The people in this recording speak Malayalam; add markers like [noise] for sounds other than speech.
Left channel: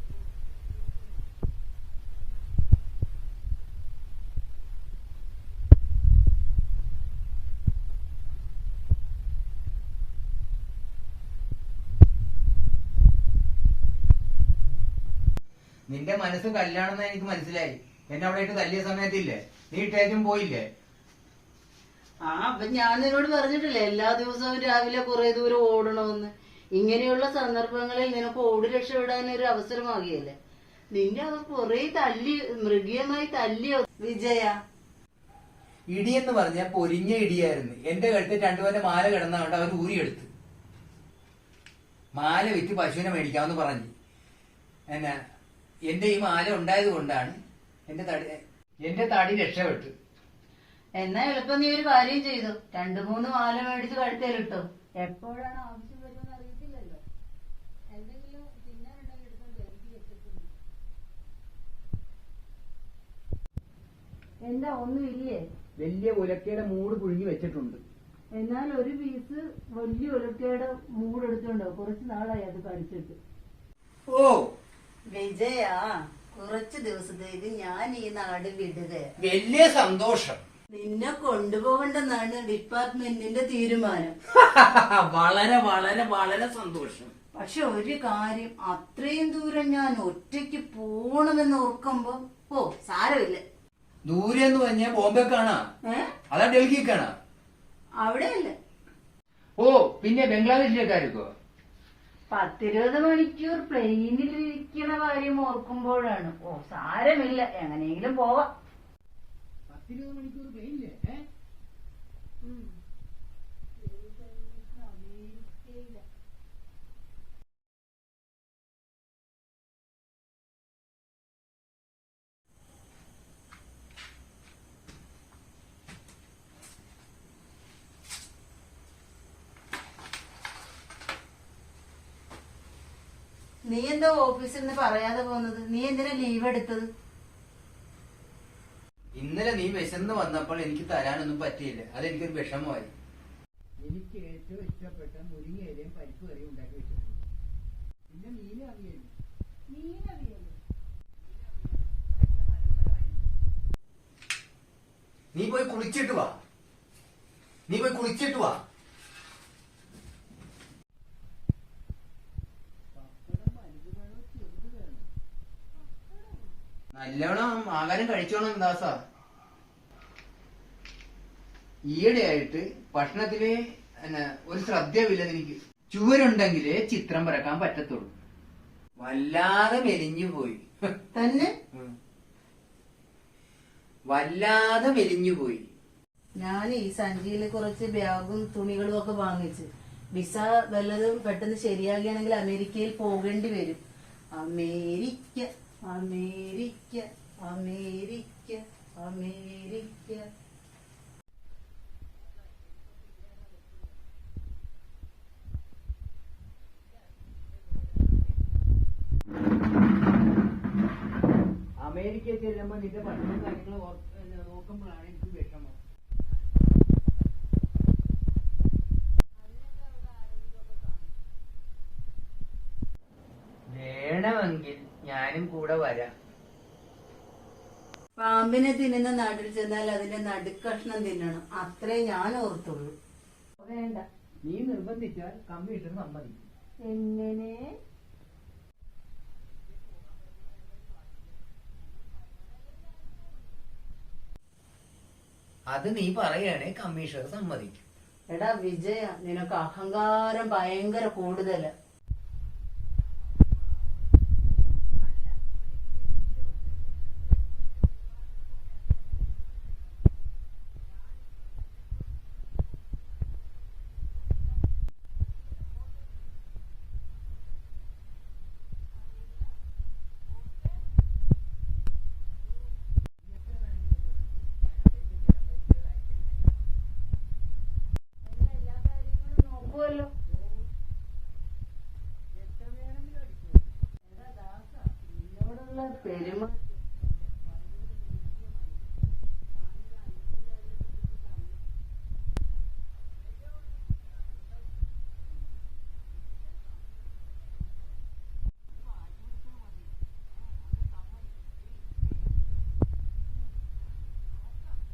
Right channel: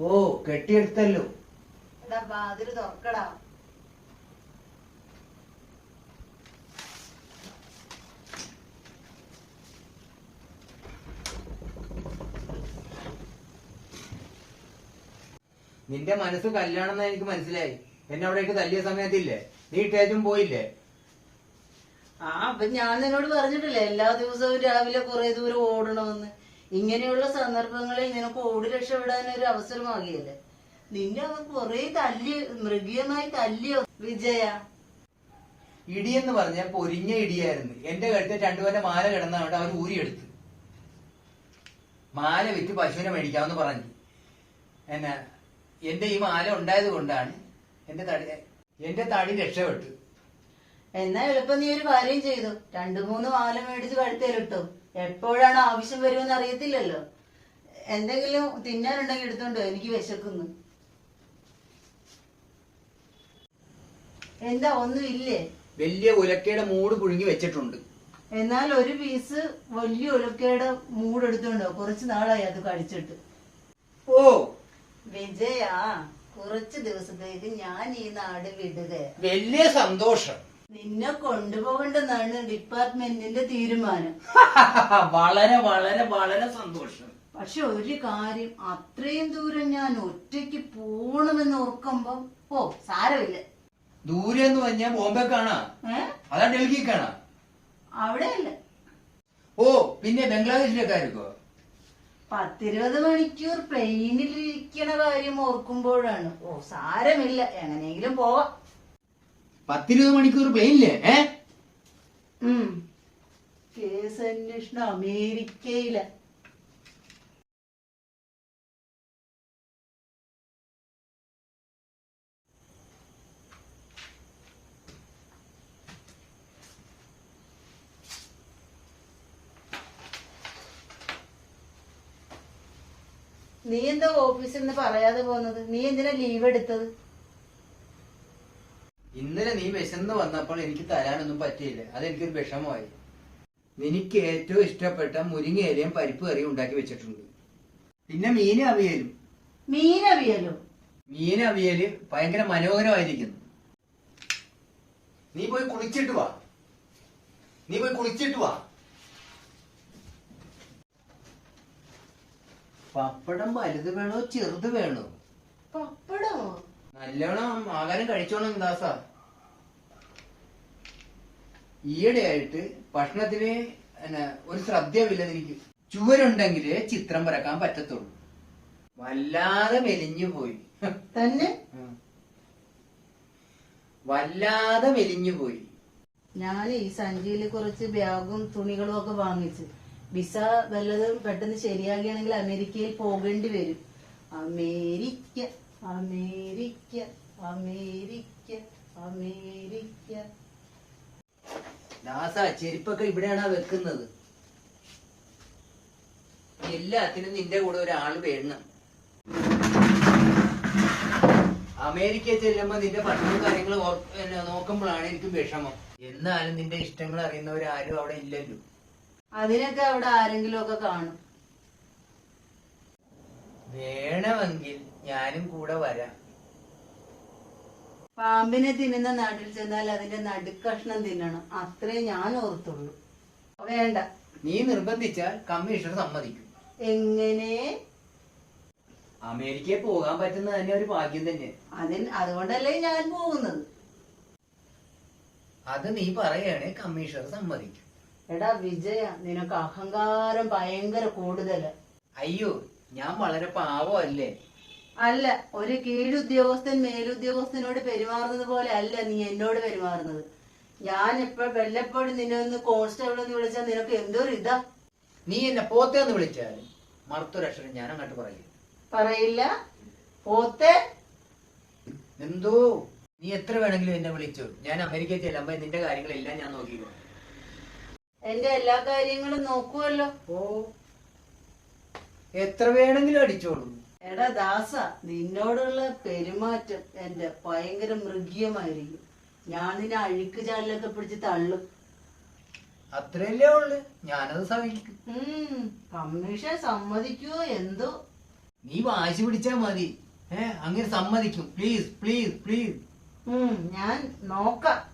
ഓ കെട്ടിയെടുത്തല്ലോ. എടാ വാതിൽ തുറക്കടാ. നിന്റെ മനസ്സ് കല്യാണം എന്ന് എനിക്ക് മനസ്സിലായി. എന്നെ അവിടേക്ക് തല്ലിയ സമയത്തില്ലേ? നീ ഇട്ടേച്ചും പോയില്ലേ? ആ അപ്പൊ ഞാൻ നിന്നോട് പറഞ്ഞിട്ടില്ലേ എല്ലാ ദിവസവും രാവിലെ കുറെ ദൂരം ഓടണമെന്ന്. ഇങ്ങനെയുള്ള സന്ദർഭങ്ങളിൽ നിനക്ക് ഓടി രക്ഷപ്പെടാൻ ഒരു അവസരമാകിയല്ലേ നിന്നെ അവർ കുറെ തല്ലി മൃഗീയമായി തല്ലിയോ വിജയ. ഇടിയെന്ന് പറഞ്ഞാൽ പൊരിഞ്ഞ ഇടിയായിരുന്നു. എന്റെ കഴുത്ത് രണ്ടുപേരുടെ മാല കിടന്നവിടെ അവൻ ഊരിയെടുത്തു. മാല വിറ്റ് പശുവിനെ മേടിക്കാമെന്ന് പറഞ്ഞു. എന്നാ എന്റെ ഈ മാല ഉണ്ടായത് കൊണ്ടാണ് എന്റെ തടി എന്റെ തടി രക്ഷപ്പെട്ടു. എന്നാ എളുപ്പം നീ ഒരു കാര്യം ചെയ്തു. രണ്ടു മൂന്ന് മാല മേടിച്ച് കഴുത്തേലിട്ടു. എപ്പോഴാണ് ആവശ്യം വരുമെന്ന് അറിയത്തില്ലല്ലോ. എന്തെങ്കിലും തിന്നാനുണ്ടെങ്കിൽ എടുത്തോണ്ടോ എനിക്ക് വിശക്കുന്നു. എന്താ ഒന്നും ഇല്ലേ? വലിയ ഉലക്കയുടെ മൂട് പുഴുങ്ങി വെച്ചിട്ടുണ്ട്. എന്നാൽ ഒരു പീസ് വലിയ ഉലക്കയുടെ മൂട് എടുത്തോണ്ടോ കുറച്ച് നാളായി അത് കഴിച്ചിട്ട് ഓ. വിജയ കുറച്ച് ദിവസത്തേക്ക് ഞാൻ ഈ നാട് വിടുക വലിയ സന്തോഷം. നിന്നെ കൊണ്ടുപോകണ്ടെന്നാണ് ഡിപ്പാർട്ട്മെന്റിന്റെ തീരുമാനം. [laughs] വളരെ വളരെ വളരെ സന്തോഷം. പക്ഷെ ഒരു കാര്യം അത്രയും ദൂരം ഞാൻ ഒറ്റയ്ക്ക് പോണമെന്ന് ഓർക്കുമ്പോ ഓ സാരമില്ല. ദൂരെ എന്ന് പറഞ്ഞാ ബോംബെ കാണാ. അതാ ഡൽഹി കാണാ. അവിടെയല്ല. ഓ പിന്നെ ബംഗ്ലാദേശിലേക്കായിരിക്കോ പത്തിരുപത് മണിക്കൂർ പ്ലെയിനിൽ ഇരിക്കണ കാര്യം ഓർക്കുമ്പോഴാണ്. ഓ സാരമില്ല. എങ്ങനെയെങ്കിലും പോവാം. പത്തിരുപത് മണിക്കൂർ പ്ലെയിനില്ലേ ഏ. കേസ് അന്വേഷണം അമേരിക്കയില. നീ എന്താ ഓഫീസിൽ നിന്ന് പറയാതെ പോകുന്നത്? നീ എന്തിനാ ലീവ് എടുത്തത്? ഇന്നലെ നീ വിശന്ന് വന്നപ്പോൾ എനിക്ക് തരാനൊന്നും പറ്റിയില്ല. അതെനിക്കൊരു വിഷമമായി. എനിക്ക് ഏറ്റവും ഇഷ്ടപ്പെട്ട മുരിങ്ങയിലയും പരിപ്പ് കറിയും ഉണ്ടാക്കി വെച്ചിട്ടുണ്ട്. പിന്നെ മീൻ അവിയലും. മീനവിയലോ മീൻ അവിയൽ ഭയങ്കര മനോഹരമായിരിക്കുന്നു. നീ പോയി കുളിച്ചിട്ട് വാ. നീ പോയി കുളിച്ചിട്ട് വാ. പപ്പടം വലുത് വേണോ ചെറുത് വേണോ? പപ്പടമോ? നല്ലോണം ആഹാരം കഴിച്ചോണം ദാസ. ഈയിടെയായിട്ട് ഭക്ഷണത്തിൽ ഒരു ശ്രദ്ധയില്ല എനിക്ക്. ചുവരുണ്ടെങ്കിലേ ചിത്രം വരക്കാൻ പറ്റത്തുള്ളൂ. വല്ലാതെ മെലിഞ്ഞു പോയി. തന്നെ. വല്ലാതെ മെലിഞ്ഞു പോയി. ഞാൻ ഈ സഞ്ചിയിൽ കുറച്ച് ബാഗും തുണികളും ഒക്കെ വാങ്ങിച്ച്. വിസ വല്ലതും പെട്ടെന്ന് ശരിയാകുകയാണെങ്കിൽ അമേരിക്കയിൽ പോകേണ്ടി വരും. America. America America America. Dasa ചെരുപ്പൊക്കെ ഇവിടെയാണ് വെക്കുന്നത്. എല്ലാത്തിനും നിന്റെ കൂടെ ഒരാൾ വേണം അമേരിക്കയിൽ ചെല്ലുമ്പോ നിന്റെ പഠനവും കാര്യങ്ങളും നോക്കുമ്പോഴാണ് എനിക്ക് വിഷമം. എന്നാലും നിന്റെ ഇഷ്ടങ്ങൾ അറിയുന്നവരാരും അവിടെ ഇല്ലല്ലോ. അതിനൊക്കെ അവിടെ ആരെങ്കിലും ഒക്കെ കാണും. വേണമെങ്കിൽ ഞാനും കൂടെ വരാം. പാമ്പിനെ തിന്നുന്ന നാട്ടിൽ ചെന്നാൽ അതിന്റെ നടുക്കഷ്ണം തിന്നണം. അത്രേ ഞാൻ ഓർത്തുള്ളൂ. വേണ്ട. നീ നിർബന്ധിച്ചാൽ കമ്മീഷണർ സമ്മതിക്കും. എങ്ങനെ? അമേരിക്കയിൽ പോകാൻ പറ്റുന്നത് തന്നെ ഒരു ഭാഗ്യം തന്നെ. അതിന് അതുകൊണ്ടല്ലേ ഞാൻ പോകുന്നത്. അത് നീ പറയുകയാണെ കമ്മീഷണർ സമ്മതിക്കും. എടാ വിജയ നിനക്ക് അഹങ്കാരം ഭയങ്കര കൂടുതൽ. അയ്യോ ഞാൻ വളരെ പാവമല്ലേ? അല്ല ഒരു കീഴുദ്യോഗസ്ഥൻ മേലുദ്യോഗസ്ഥനോട് പെരുമാറുന്നത് പോലെ അല്ല നീ എന്നോട് പെരുമാറുന്നത്. ഞാൻ ഇപ്പൊ വല്ലപ്പോഴും നിന്നെ ഒന്ന് കോൺസ്റ്റബിൾ എന്ന് വിളിച്ചാൽ നിനക്ക് എന്തോ ഇതാ? നീ എന്നെ പോത്തേന്ന് വിളിച്ചാലും മറുത്തൊരക്ഷരം ഞാൻ അങ്ങോട്ട് പറയില്ല പറയില്ല. പോത്തെ? എന്തോ? നീ എത്ര വേണമെങ്കിലും എന്നെ വിളിച്ചു. ഞാൻ അമേരിക്കയിൽ ചെല്ലുമ്പോ നിന്റെ കാര്യങ്ങളെല്ലാം ഞാൻ നോക്കിക്കോ എന്റെ എല്ലാ കാര്യങ്ങളും നോക്കുവല്ലോ. ഓ. എത്ര വേണമെങ്കിലും അടിച്ചോളൂ. എടാ ദാസ നിന്നോടുള്ള പെരുമാറ്റം എന്റെ ഭയങ്കര മൃഗീയമായിരിക്കും. ഞാൻ നിന്നെ അഴുക്ക് ചാലിലൊക്കെ പിടിച്ച് തള്ളും. അത്രയല്ലേ ഉള്ളു. ഞാനത് സഹിക്കും. ഉം, കമ്മീഷൻ സമ്മതിക്കുവോ എന്തോ. നീ വാശി പിടിച്ചാ മതി. ഏ അങ്ങനെ സമ്മതിക്കും. Please please please. ഞാൻ നോക്കാം.